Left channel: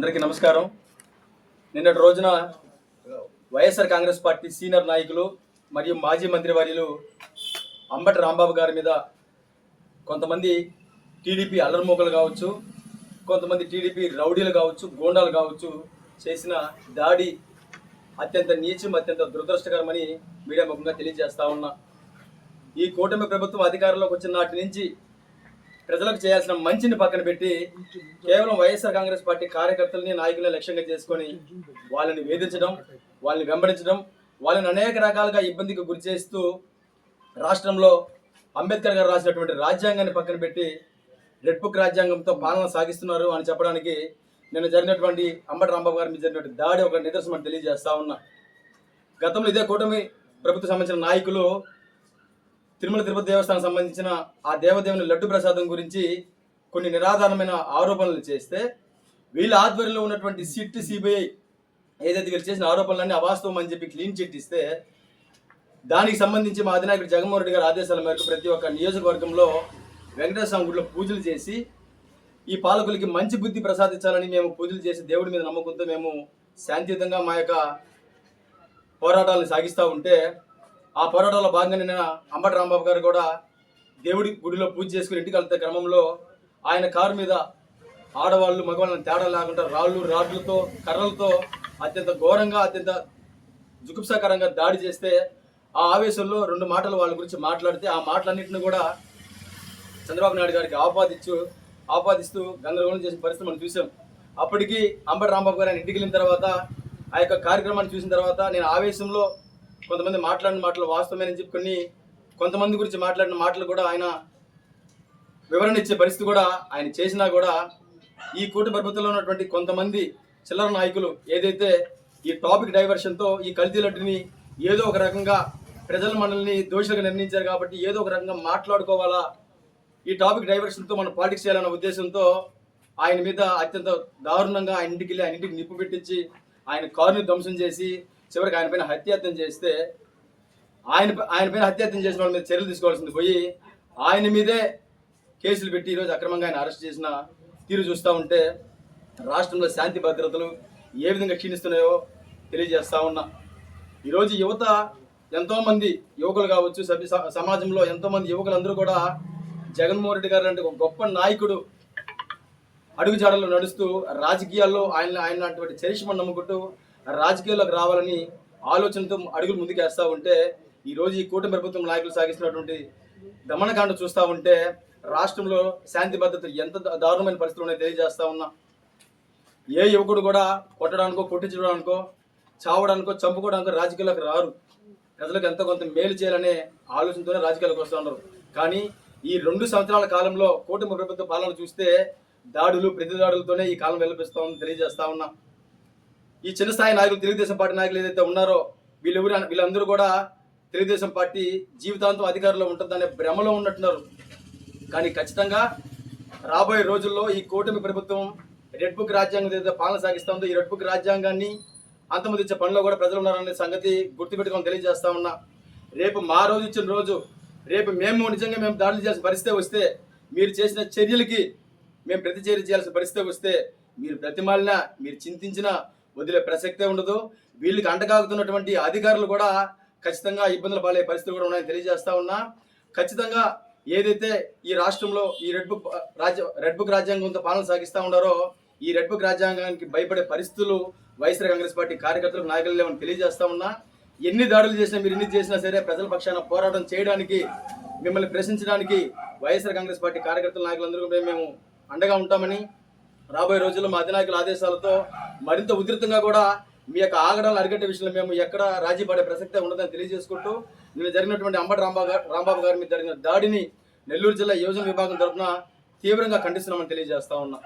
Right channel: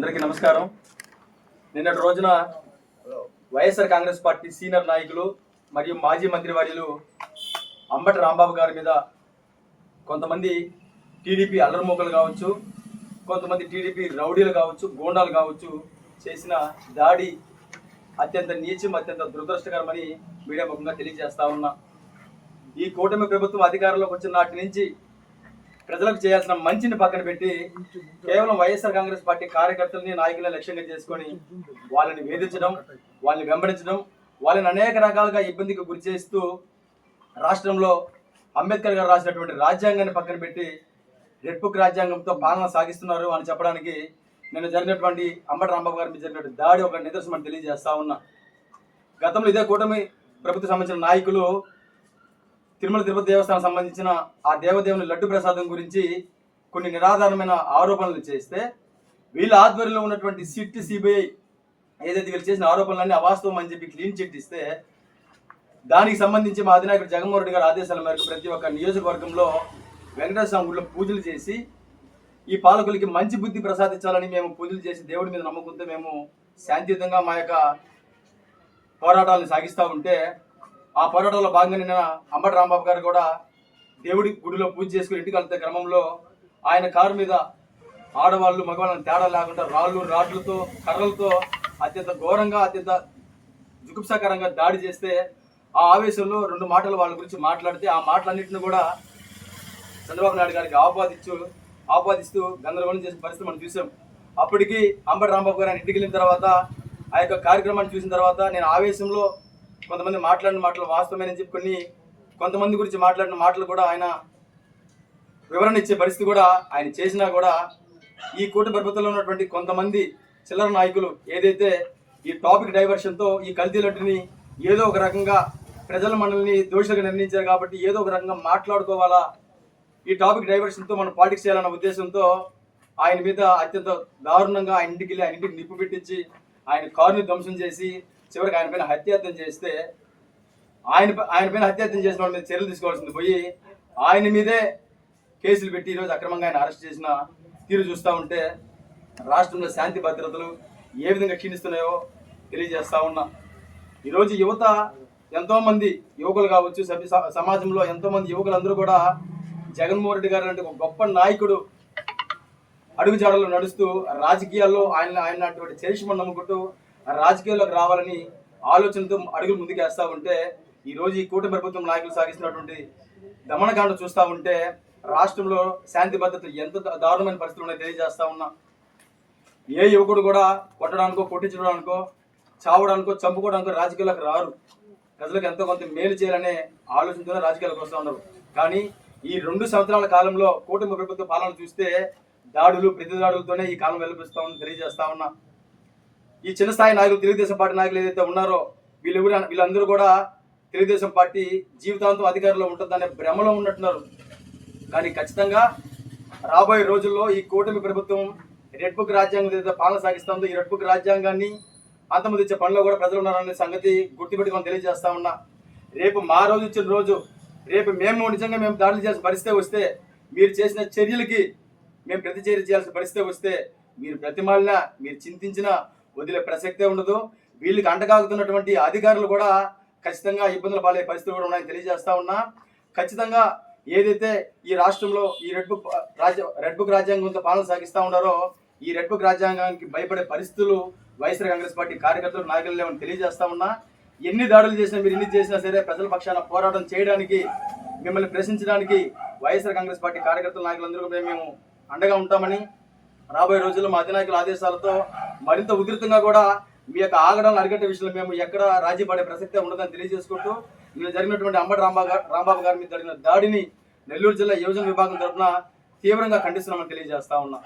అందరికీ నమస్కారం. నిన్నటి రోజున వైఎస్ఆర్ కాంగ్రెస్ పార్టీ సీనియర్ నాయకులు మరియు మాజీ మంత్రివర్యులు అంబటి రాంబాబు గారి మీద కొంతమంది టీడీపీ అల్లరిమూకలు కావచ్చు, కొంతమంది టీడీపీ రౌడీలు కావచ్చు, గూండాలు కావచ్చు చేసిన దాడి అత్యంత నీచం, అత్యంత దురదృష్టకరమని మీడియా ముఖంగా తెలియజేస్తా ఉన్నా. ఈ కూటమి ప్రభుత్వం అధికారంలోకి వచ్చిన నాటి నుంచి ప్రజలకు చేయాల్సిన మంచిని పక్కన పెట్టి కేవలం వైఎస్ఆర్ కాంగ్రెస్ పార్టీ కార్యకర్తలని, నాయకులను లక్ష్యంగా చేసుకొని వాళ్ళని వేధించడం, వాళ్ళని వెంబడించడం, వాళ్ళని అనేక రకాలుగా ఇబ్బందికి గురి చేస్తూ రాష్ట్రంలో అంబేద్కర్ గారు రాసినటువంటి రాజ్యాంగాన్ని పక్కన పెట్టి రెడ్ బుక్ రాజ్యాంగంతో పాలన సాగిస్తున్నారు అని చెప్పడానికి నిన్న జరిగినటువంటి అంబటి రాంబాబు గారి మీద జరిగినటువంటి దాడి ఒక నిదర్శనం తెలియజేస్తా ఉన్నా. గతంలో ఇదే కూటమి ప్రభుత్వం సంబంధించిన నాయకులు తిరుమల తిరుపతి దేవస్థానం సంబంధించిన ఆ దేవదేవుని లడ్డు ప్రసాదం గురించి కొన్ని నిరాధారమైన ఆరోపణలు చేస్తే వీళ్ళ ఆధ్వర్యంలో ఉన్నటువంటి సిట్, సిబిఐ ఏదైతే వీళ్ళు చేసిన ఆరోపణలన్నీ అవాస్తవం అని చెప్పి క్లీన్ చిట్ ఇస్తే దానికి సంబంధించి మా అధినాయకుడు జగన్మోహన్ రెడ్డి గారి ఆదేశాల మేరకు ప్రతి ఒక్క నియోజకవర్గంలో వెంకటేశ్వర స్వామి గుడిలో పూజలు చేసి ఈ పాలకులకి మంచి బుద్ధి ప్రసాదించాలని మేము పూజలు చేసి దేవుడి మీద నమ్మకంతో మేము శాంతియుతంగా మా యొక్క పోరాటాలను సాగిస్తూ ఉంటే ఆ పోరాటంలో భాగంగా నిన్న అంబటి రాంబాబు గారు కూడా దేవుడి గుడిలో పూజ చేసుకుని ఇంటికి వెళ్తే క్రమంలో ఆయన కారు మీద ఆడవాళ్ళు మగవాళ్ళని తేడా లేకుండా రాళ్ళు, రాడ్లతో, కర్రలతో అత్యంత ఘోరంగా, అత్యంత జుగుప్సాకరంగా దాడి చేస్తే ఆ ఆవేశంలో రెండు మాటలు వాళ్ళ గురించి మాట్లాడితే ఆ మాటలన్నింటినీ కూడా చంద్రబాబు నాయుడు గారికి ఆపాదిస్తూ గందరగోళం చేసిన పరిస్థితి మనం చూసాం. అప్పటికి అంబటి రాంబాబు గారు ఆయన ఇంటికి వెళ్ళిన తర్వాత ఆ యొక్క కార్యక్రమాన్ని చూసిన తర్వాత నేను ఆవేశంలో కొంతమంది మాట్లాడిన మాటలు వాస్తవమని చెప్పి కొంతమంది గురించి మాట్లాడిన మాటలు కూడా ఆయన వివరణ ఇచ్చే పరిస్థితి కూడా ఆయన చేసినా కూడా ఈ కూటమి ప్రభుత్వంలో ఉన్నటువంటి కొంతమంది చిల్లర నాయకులు ఏదైతే ఈ టాపిక్ డైవర్షన్తో ఈ కల్తీ లడ్డుని ఏదో ఒక రకంగా ప్రజల మనల్ని దోషులుగా నిర్ణయించారు కాబట్టి ఏదో ఒక రకంగా మాట్లాడుకోవాలా, ఈ టాపిక్ డైవర్షన్తో మనం పాలిటిక్స్ చేయాలన్న ఉద్దేశంతో ఆయన మీద అత్యంత దారుణంగా ఆయన ఇంటికి నిప్పు పెట్టించి ఆయన కారుని ధ్వంసం చేసి చివరికి ఆయన పైన హత్యాయత్నం చేస్తే ఆయన పైన హత్యాయత్నం చేసిన వాళ్ళ మీద చర్యలు తీసుకోవాల్సింది పోయి ఆయన మీదే కేసులు పెట్టి ఈరోజు అక్రమంగా ఆయన అరెస్ట్ చేసిన తీరు చూస్తూ ఉంటే రాష్ట్రంలో శాంతి భద్రతలు ఏ విధంగా క్షీణిస్తున్నాయో తెలియజేస్తా ఉన్నా. ఈరోజు యువత ఎంతోమంది యువకులు కావచ్చు, సమాజంలో ఎంతోమంది యువకులందరూ కూడా జగన్మోహన్ రెడ్డి గారు అంటే ఒక గొప్ప నాయకుడు అడుగుజాడల్లో నడుస్తూ రాజకీయాల్లో ఆయన అటువంటి చరిష్మను నమ్ముకుంటూ రాజకీయాల్లోకి రావాలని ఆలోచనతో అడుగులు ముందుకేస్తూ ఉంటే ఈరోజు ఈ కూటమి ప్రభుత్వం నాయకులు సాగిస్తున్నటువంటి దమనకాండ చూస్తూ ఉంటే రాష్ట్రంలో శాంతి భద్రతలు ఎంత దారుణమైన పరిస్థితులు ఉన్నాయో తెలియజేస్తా ఉన్నా. ఏ యువకుడు కూడా కొట్టడానికో, కొట్టించడానికో, చావడానికో, చంపుకోవడానికో రాజకీయాల్లోకి రారు. ప్రజలకు ఎంతో కొంత మేలు చేయాలనే ఆలోచనతోనే రాజకీయాలకు వస్తూ ఉన్నారు. కానీ ఈ 2 సంవత్సరాల కాలంలో కూటమి ప్రభుత్వ పాలన చూస్తే దాడులు, ప్రతిదాడులతోనే ఈ కాలం వెలిపిస్తామని తెలియజేస్తా ఉన్నా. ఈ చిన్న స్థాయి నాయకులు, తెలుగుదేశం పార్టీ నాయకులు ఏదైతే ఉన్నారో వీళ్ళందరూ కూడా తెలుగుదేశం పార్టీ జీవితాంతం అధికారంలో ఉంటుందనే భ్రమలో ఉన్నట్టున్నారు. కానీ ఖచ్చితంగా రాబోయే రోజుల్లో ఈ కూటమి ప్రభుత్వం రెడ్ బుక్ రాజ్యాంగం ఏదైతే పాలన సాగిస్తుందో ఈ రెడ్ బుక్ రాజ్యాంగాన్ని అంతమందించే పనిలో కూడా ప్రజలు ఉన్నారనే సంగతి గుర్తుపెట్టుకొని తెలియజేస్తా ఉన్నా. రేపు మా రోజు ఇచ్చిన రోజు, రేపు నిజంగా మేము దాడులు చేయాల్సిన పరిస్థితి వస్తే, మీరు చేసిన చర్యలకి మేము ప్రతి చర్య చేయాల్సిన పరిస్థితి వస్తే మీరు ప్రతిమాలినా, మీరు చింతించినా వదిలే ప్రసక్తే ఉండదు. వీళ్ళకి అంటగాగుతున్నటువంటి అధికారులు కూడా ఖచ్చితంగా ఇబ్బందులు పాలే పరిస్థితులు కూడా ఉన్నాయని తెలియజేస్తా ఉన్నా. ఖచ్చితంగా ఏదైతే ఈ రాష్ట్రంలో ఈ రెడ్ బుక్ రాజ్యాంగంతో పాలన సాగిస్తూ ఉన్నారో ఈ రెడ్ బుక్ రాజ్యాంగానికి భయపడే పరిస్థితులు వైఎస్ఆర్ కాంగ్రెస్ పార్టీ కార్యకర్తలు, నాయకులు లేవని తెలియజేస్తా ఉన్నా. ఎన్ని దాడులు చేసినా, మీరు ఎన్ని చేసినా సరే ప్రజల పక్షాన పోరాటం చేయడానికి, మిమ్మల్ని ప్రశ్నించడానికి వైఎస్ఆర్ కాంగ్రెస్ పార్టీ కార్యకర్తల, నాయకులందరూ మేము అండగా ఉంటామని, రాబోయే రోజుల్లో మా అధినాయకుల ఆదేశాలతో మరింత ఉధృతంగా కూడా మీ యొక్క ఆగడాలను అరికట్టే విషయంలో మేము ఎక్కడ రాజీ పడే ప్రసక్తే ఉండదని తెలియజేసుకుంటూ నిన్న జరిగినటువంటి అంబటి రాంబాబు గారి మీద జరిగిన దాడిని నెల్లూరు జిల్లా యువజన విభాగం తరఫున తీవ్రంగా ఖండిస్తున్నామని తెలియజేస్తా ఉన్నా.